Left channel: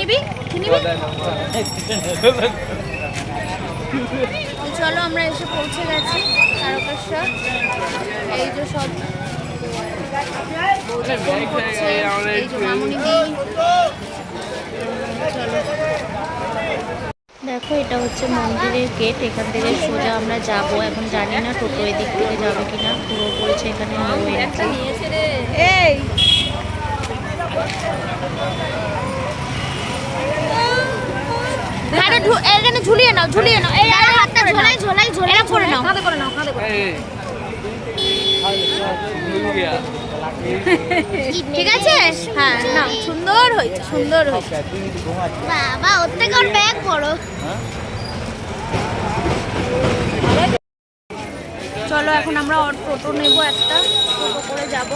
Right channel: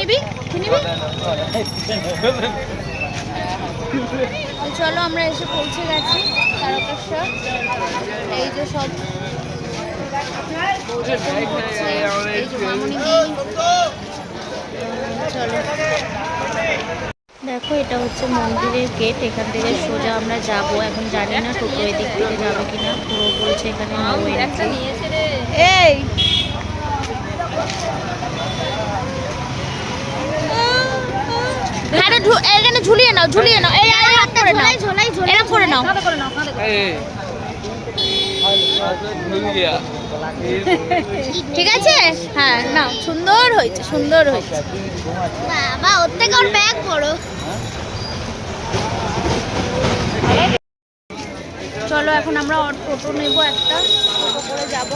নিবি? নিবি? চলো, আমরা এসে পৌঁছে গেছি, তারকেশ্বর। এই যে সব দেখো, এটা হচ্ছে মন্দিরের গেট এখান থেকে সোজা আমরা যাব। এখন জানি না টোটো এদিক থেকে যাবে কিনা। পুরো বলছে এখানে নো এই। আরে এখানে ঝুলিয়ে নাও ঝুলিয়ে নাও। এই আরে হাতটা ঝোলাই ঝোলাই ঝোলাই করে নাও। কাঁধে করে নাও কাঁধে করে ঠিক আছে? হ্যাঁ না সুন্দর হয়েছে সুন্দর হয়েছে। বাবা ওর থেকে ওর ব্যাগ বড়। চলো এখন আমরা টোটো নেব একটা। টোটো করে যাব।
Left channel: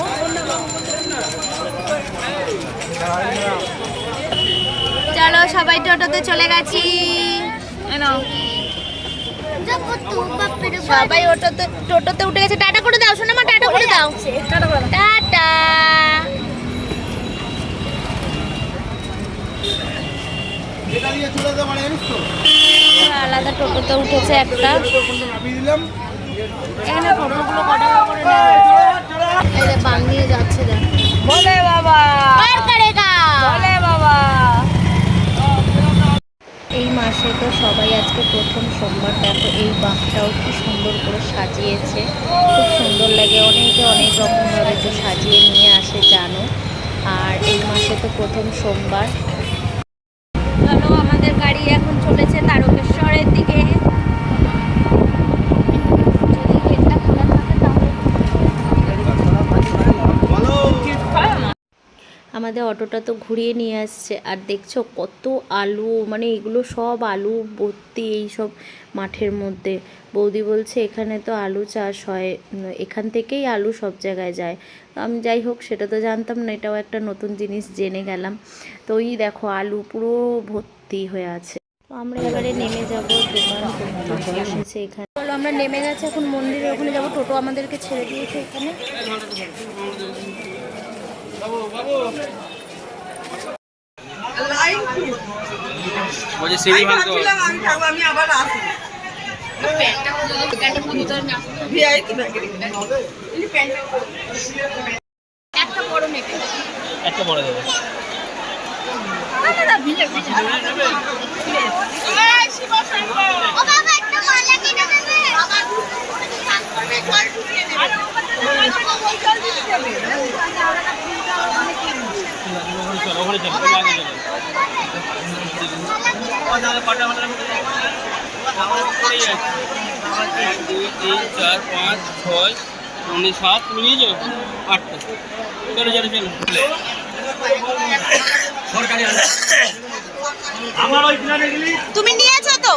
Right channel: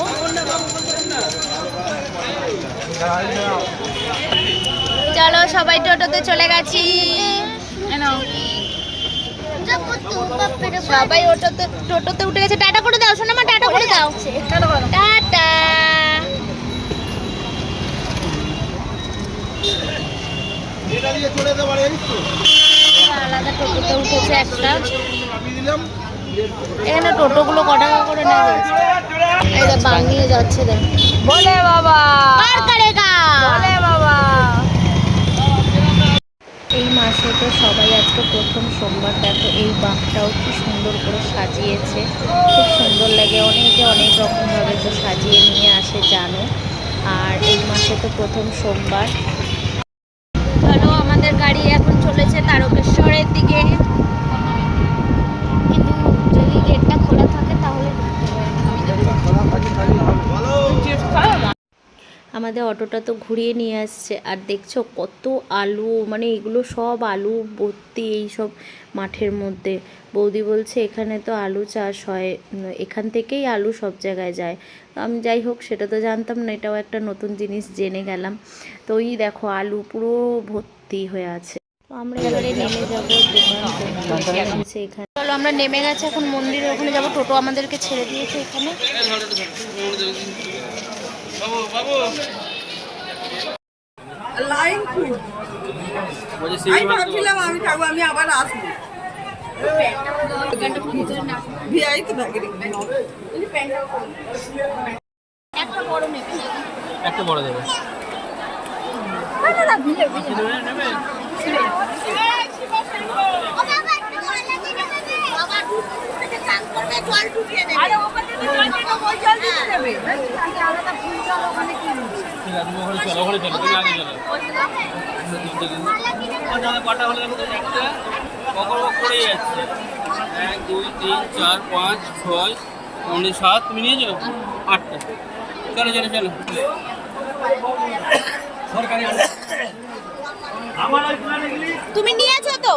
চলো সবাই টোটোতে চলে গেছি। সবাই ওটোতে টোটোতে উঠে গেছে। টাটা করে দাও শোনা মা টাটা করে দাও। টাটা আলাদা টোটোতে উঠেছে একটা। এখানে টোটোগুলো ক টাকা করে নেওয়া বাঙিয়ে যাচ্ছে দেখ। বলে বাবা। বলে বাবা। এই মাসে তো সবাই আজকে প্রথম সোমবার। দেখো এই বাঘটাও কি সুন্দর করে সাজিয়েছে। খুব সুন্দর লাগে। অনেকে অনেক রকমভাবে তো সাজিয়ে নিয়ে আসে, জানো। আর এই মাসে তো প্রথম সোমবার। ধরো আমাদের গাড়ি এখন চলেছে তারকেশ্বরের দিকে। আমাদের অটোটা তো ঘুরিয়ে নিয়ে আসছে। আর দেখছ কত আলু মানে এগুলো সব আলু ভর্তি এই সব মাঠের মধ্যে। বৌদি বলছে, এখানে তো আলু চাষ হয় এখান থেকেই আলু সব জায়গায় যায়। আমি যাই হোক, সেটা তো জানতাম না, এটাও একটা নতুন জিনিস জেনে গেলাম। তো ওই দেখো, আলু পুরো ভর্তি হয়ে আছে। তো আমরা এবারে নেমে যাব দোকান করতে। এখানে। চলো, আমরা নেমে গেছে, এখন মন্দিরের ওখানে যাব। টোটো আমাদেরকে ছেড়ে দিয়েছে এখানে। বলছে সিঁড়ি আমি ভাবছিলাম আমি থাকব আমি আবার আসব একটা ওখানে এক দুই তিন চার পাঁচ ছয় সাত তুমি নিয়ে যাও আটটা চলো চলো চলো সরকারি আমার ওই প্ল্যানে গেলি তুমি নিয়েছো তো?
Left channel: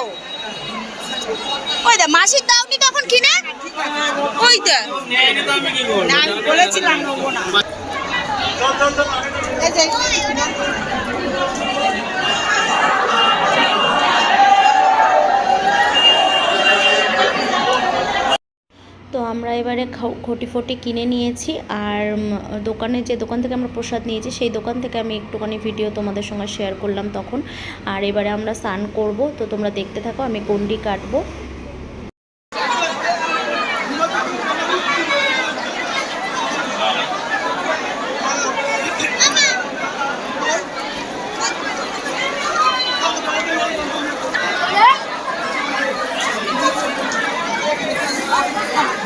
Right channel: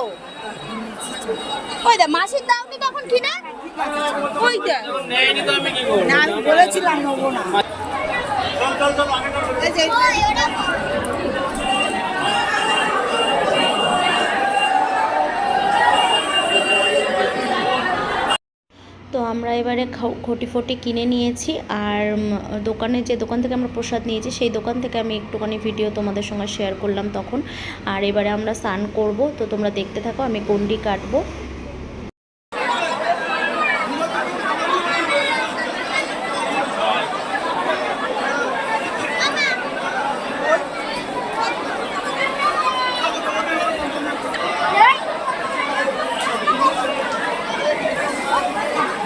ওই দা মাসির দাওনি তখন কিনে? ওই তো আমি বলেছিলাম এই যে। তো আমরা এবারে খাও- খটি ফটি কিনে নিয়েছি আর দোকানে যে দোকান থেকে আমরা প্রসাদ নিয়েছি সেই দোকান থেকে আমি একটুখানি ভিডিও তোমাদের সঙ্গে শেয়ার করলাম তখন। আর এবারে আমরা স্নান করব তো তোমরা দেখতে থাকো আমি গন্ডি কাটবো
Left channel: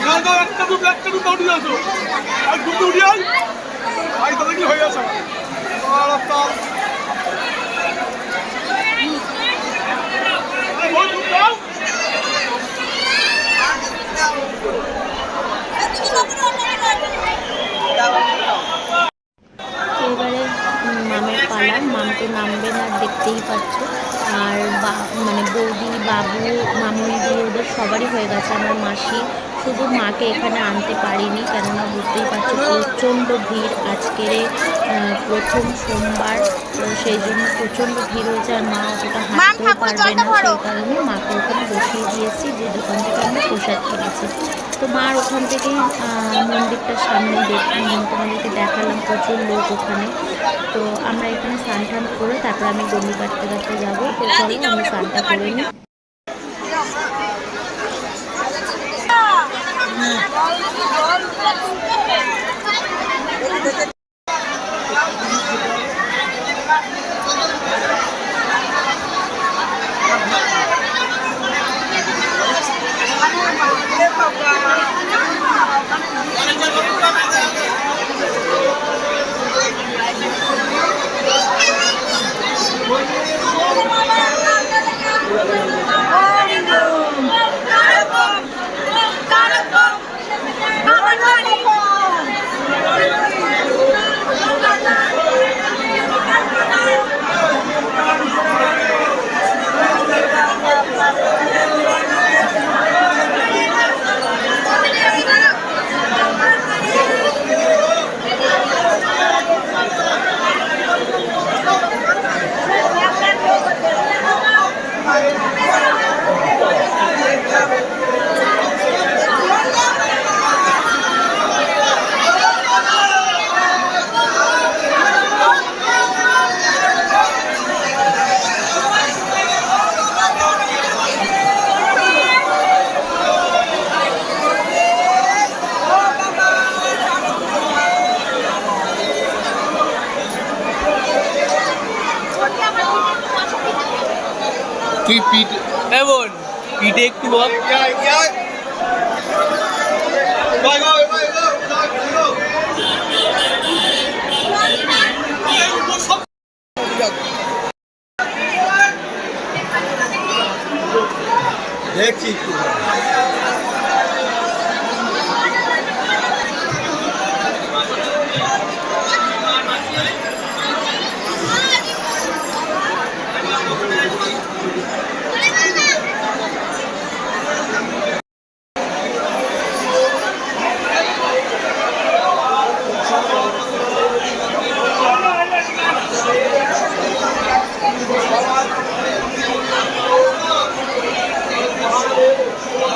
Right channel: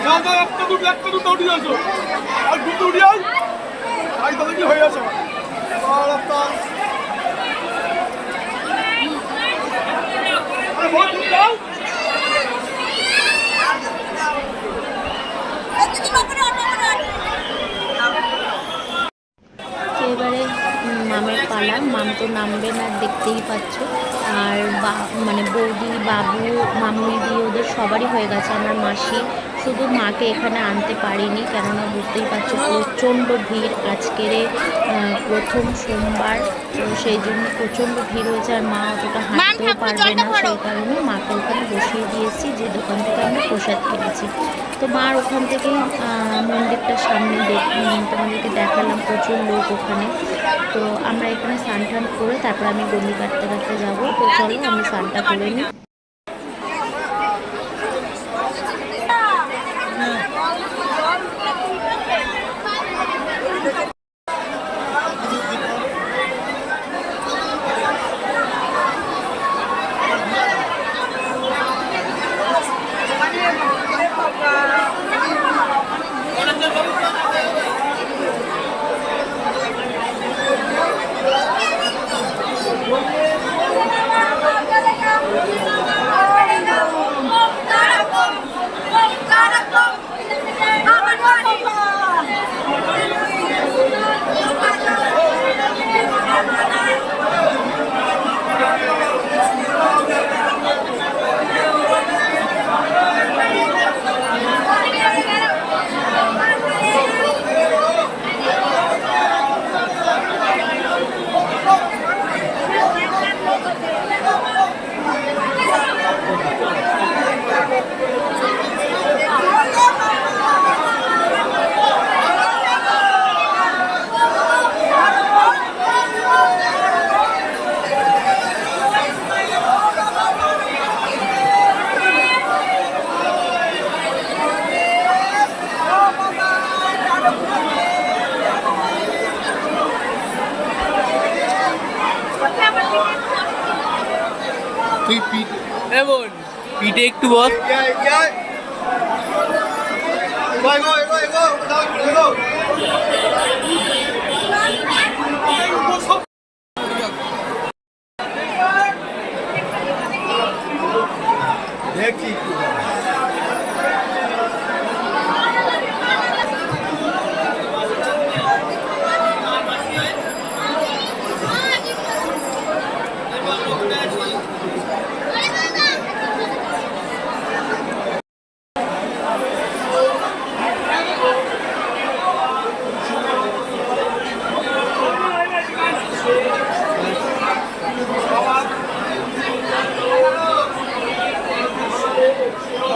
না দাও একটা দুটো একটা দুটো উঠে আর উঠে আই? তাদের কি হয়ে এবারে মামের পালা। মাম তো নামবে না দেখতেই পাচ্ছ। আর মানে বৌদি, বাবু, মামুনি দি ওদের সবারই হয়ে গেছে। আমার মাসি শুধু মাকে এখানে আনতে পারিনি কেননা বুঝতেই পারছ প্রচণ্ড ভিড়। আজকের প্রথম সোমবার তো সেই জন্য প্রচণ্ড ভিড় হয়েছে আর মা অতটা হাঁটতেও পারবে না সেই কারণে মাকে ওখানে বসিয়ে দিয়েছি যে দোকান থেকে আমরা প্রসাদ কিনেছি। তো মার ওখান থেকেই মন্দিরটার সামনে তোমাদেরকে দেখালাম প্রচুর লোক ওখানে। তো আমরা এখানে স্নান টান করে তারপর আমি গন্ডি কাটতে কাটতে যাব। তো চলো আমি স্নানটা করে নিই। তুই পিঠ এমন পিঠে একটু বল। দেখছি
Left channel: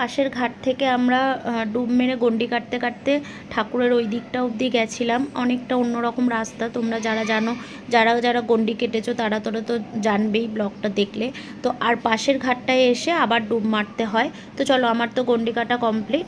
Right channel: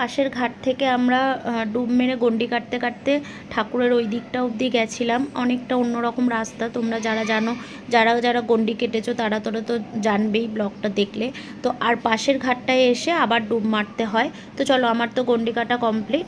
পাশের ঘাট থেকে আমরা ডুব মেরে গন্ডি কাটতে কাটতে ঠাকুরের ওই দিকটা অবধি গেছিলাম। অনেকটা অন্যরকম রাস্তা, তোমরা যারা জানো, যারা যারা গন্ডি কেটেছো তারা তোরা তো জানবেই ব্লকটা দেখলে। তো আর পাশের ঘাটটায় এসে আবার ডুব মারতে হয়। তো চলো, আমার তো গন্ডি কাটা কমপ্লিট